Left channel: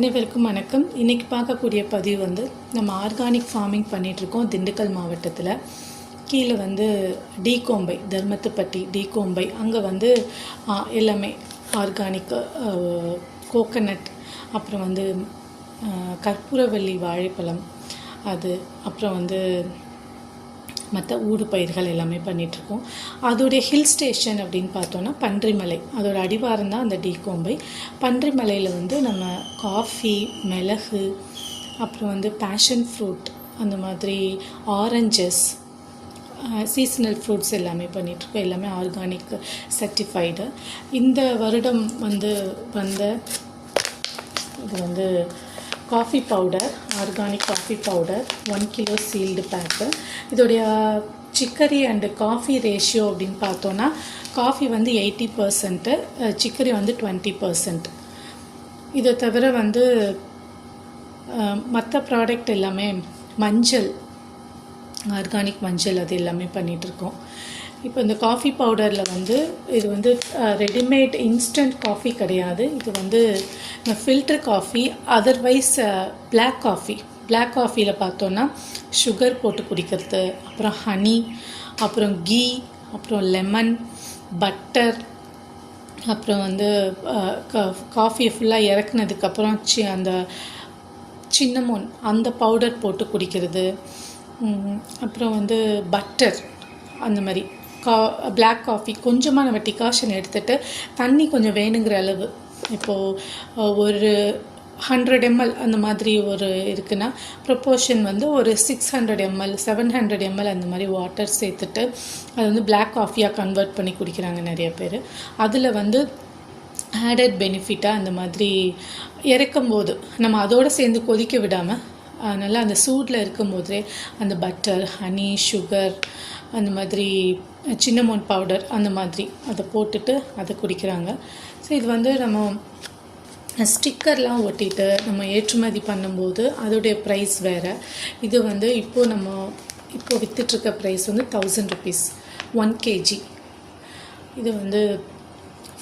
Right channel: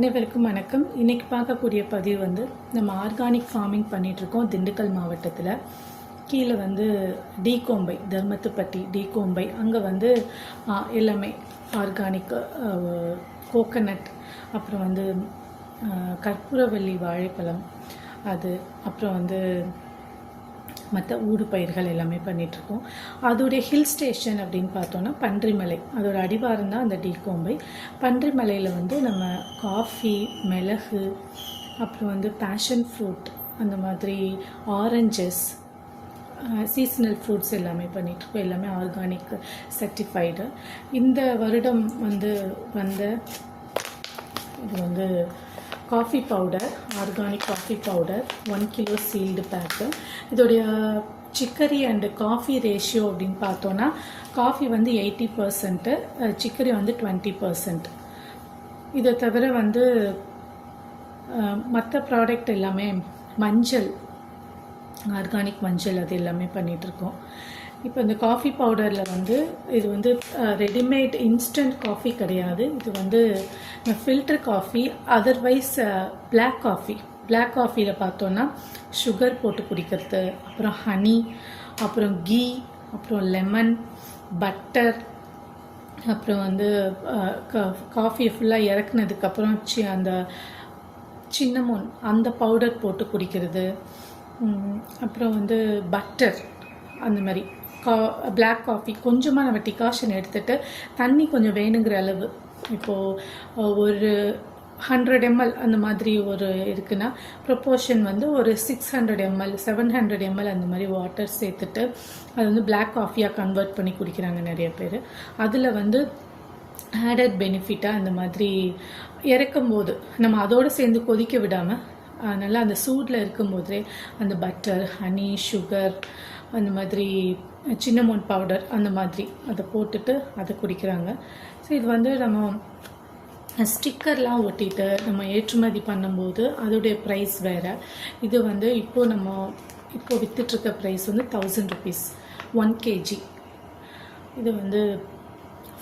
அனைவருக்கும் வணக்கம். இன்றைக்கி பார்க்கக்கூடிய பதிவு வந்து நம்ம ஆர்கானிக் ஃபார்மிங் பண்ணிகிட்ருக்கோம் திண்டுக்கல் மாவட்டத்தில். கீழே வந்து டீகோம்பை, தர்மத்துப்பட்டி டீகோம்பை, அங்கே வந்து எல்லாமே ஆர்கானிக் கோகனட், அப்புறம் வந்து கற்பூரவள்ளி வாழைப்பழம், அது அப்புறம் வந்து மற்ற ஊடு பயிர்கள் எல்லாமே பண்ணிகிட்ருக்கோம். அதோடைய ஹில் ஸ்டேஷன் அப்படின்னு பார்த்தோன்னா பன்றிமலை, அதோட அடிவாரம் தான் அந்த டீகோம்பை. பன்றிமலையில் வந்து நம்ம காஃபி, மிளகு, அப்புறம் வந்து பேஷன் ஃப்ரூட், அந்த மாதிரி ஆரஞ்சஸ், சீசனல் ஃப்ரூட்ஸ் எல்லாமே பண்ணிகிட்ருக்கோம். எல்லாமே ஆர்கானிக் சர்டிஃபைடு. இந்த வருடம் வந்து இது வந்து coffee powder, organic coffee powder 1 kilo sealed pack. இதோடைய சிக்கரி அண்டு காஃபி ரேஷியோ அப்படின்னு பார்த்தோன்னா காஃபி வந்து 80%, சிக்கரி வந்து 20%. இதை தவிர வந்து மற்ற ப்ராடக்ட் எல்லாமே மஞ்சள், ஆர்கானிக் மஞ்சள், அது எல்லாமே பண்ணிகிட்ருக்கோம். இப்போ இந்த காஃபி பவுடரில் வந்து இது வந்து ரெடிமேட் இன்ஸ்டன்ட் காஃபி கிடையாது. இது வந்து ஃபில்டர் காஃபி. அதர்வைஸ் பிளாக் காஃபியில் பார்த்தோன்னா சுகர் போட்டு குடிக்கிறது, அப்புறம் ஹனி, அப்புறம் கீ, அப்புறம் லெமன், பட்டர், அப்புறம் வந்து காஃபியை ஃபுல்லாக இறக்குனதுக்கப்புறம் அந்த சின்னமோன் அந்த பவுடர் போட்டு குடிக்கிறது, அப்புறம் வந்து பட்டர், அந்த மாதிரி பிளாக் காஃபி. கொஞ்சமாக நம்ம டிகாஷன் எடுத்துகிட்டு தண்ணி கொஞ்சம் வேணுங்கிற அளவு, இப்போது ஒரு 100 ml அந்த மாதிரி ஒரு இருக்குன்னா ப்ரொப்போர்ஷன் வந்து ஒரு 600 ml 700 ml அந்த மாதிரி வாட்டர் சேர்த்துட்டு அது வந்து பிளாக் காஃபியாக கன்வெர்ட் பண்ணி குடிக்கிறாங்க நிறைய பேர். அதில் வந்து ஆடட் பெனிஃபிட்டாக அந்த மாதிரி இறக்கும்போது நம்ம அதோடு சேர்ந்து கொதிக்க விடாமல் அதனால் அந்த சூடில் இருக்கும்போதே அந்த பட்டர், ஹனி, சுகர், அந்த மாதிரி சின்னமோன் பவுடர் அந்த மாதிரி அதை போட்டுட்டு அதை குடிக்கிறாங்க. ஸோ இது வந்து நம்ம ஸ்டிக்கர்லாம் ஒட்டிட்டு நம்ம ஏற்றுமதி பண்ணும்போது அதோடைய ப்ரைஸ் வேறு. இது வந்து இப்போது விற்றுட்ருக்க ப்ரைஸ் வந்து 1000 rupees 1 kg. இது வந்து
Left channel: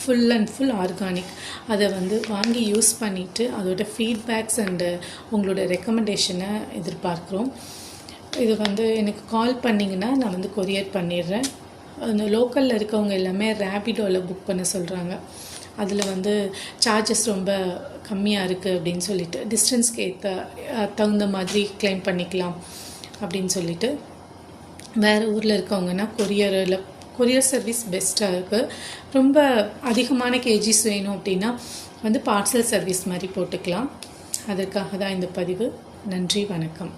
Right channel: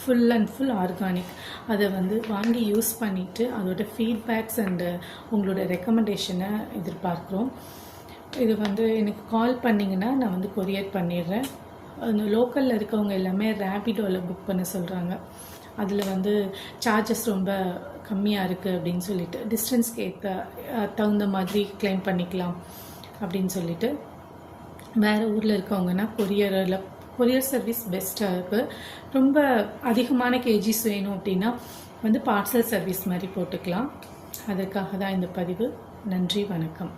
ஃபுல் அண்ட் ஃபுல் ஆர்கானிக். அதை வந்து வாங்கி யூஸ் பண்ணிவிட்டு அதோட ஃபீட்பேக்ஸ் அண்டு உங்களோட ரெக்கமெண்டேஷனை எதிர்பார்க்குறோம். இது வந்து எனக்கு கால் பண்ணிங்கன்னா நான் வந்து கொரியர் பண்ணிடுறேன். அந்த லோக்கலில் இருக்கவங்க எல்லாமே ரேபிடோவில் புக் பண்ண சொல்கிறாங்க. அதில் வந்து சார்ஜஸ் ரொம்ப கம்மியாக இருக்குது அப்படின்னு சொல்லிட்டு, டிஸ்டன்ஸ்க்கு தகுந்த மாதிரி கிளைம் பண்ணிக்கலாம் அப்படின்னு சொல்லிட்டு, வேறு ஊரில் இருக்கவங்கன்னா கொரியர் சர்வீஸ் பெஸ்ட்டாக இருக்குது. ரொம்ப அதிகமான கேஜிஸ் வேணும் அப்படின்னா வந்து பார்சல் சர்வீஸ் மாதிரி போட்டுக்கலாம். அதற்காக தான் இந்த பதிவு. நன்றி, வணக்கம்.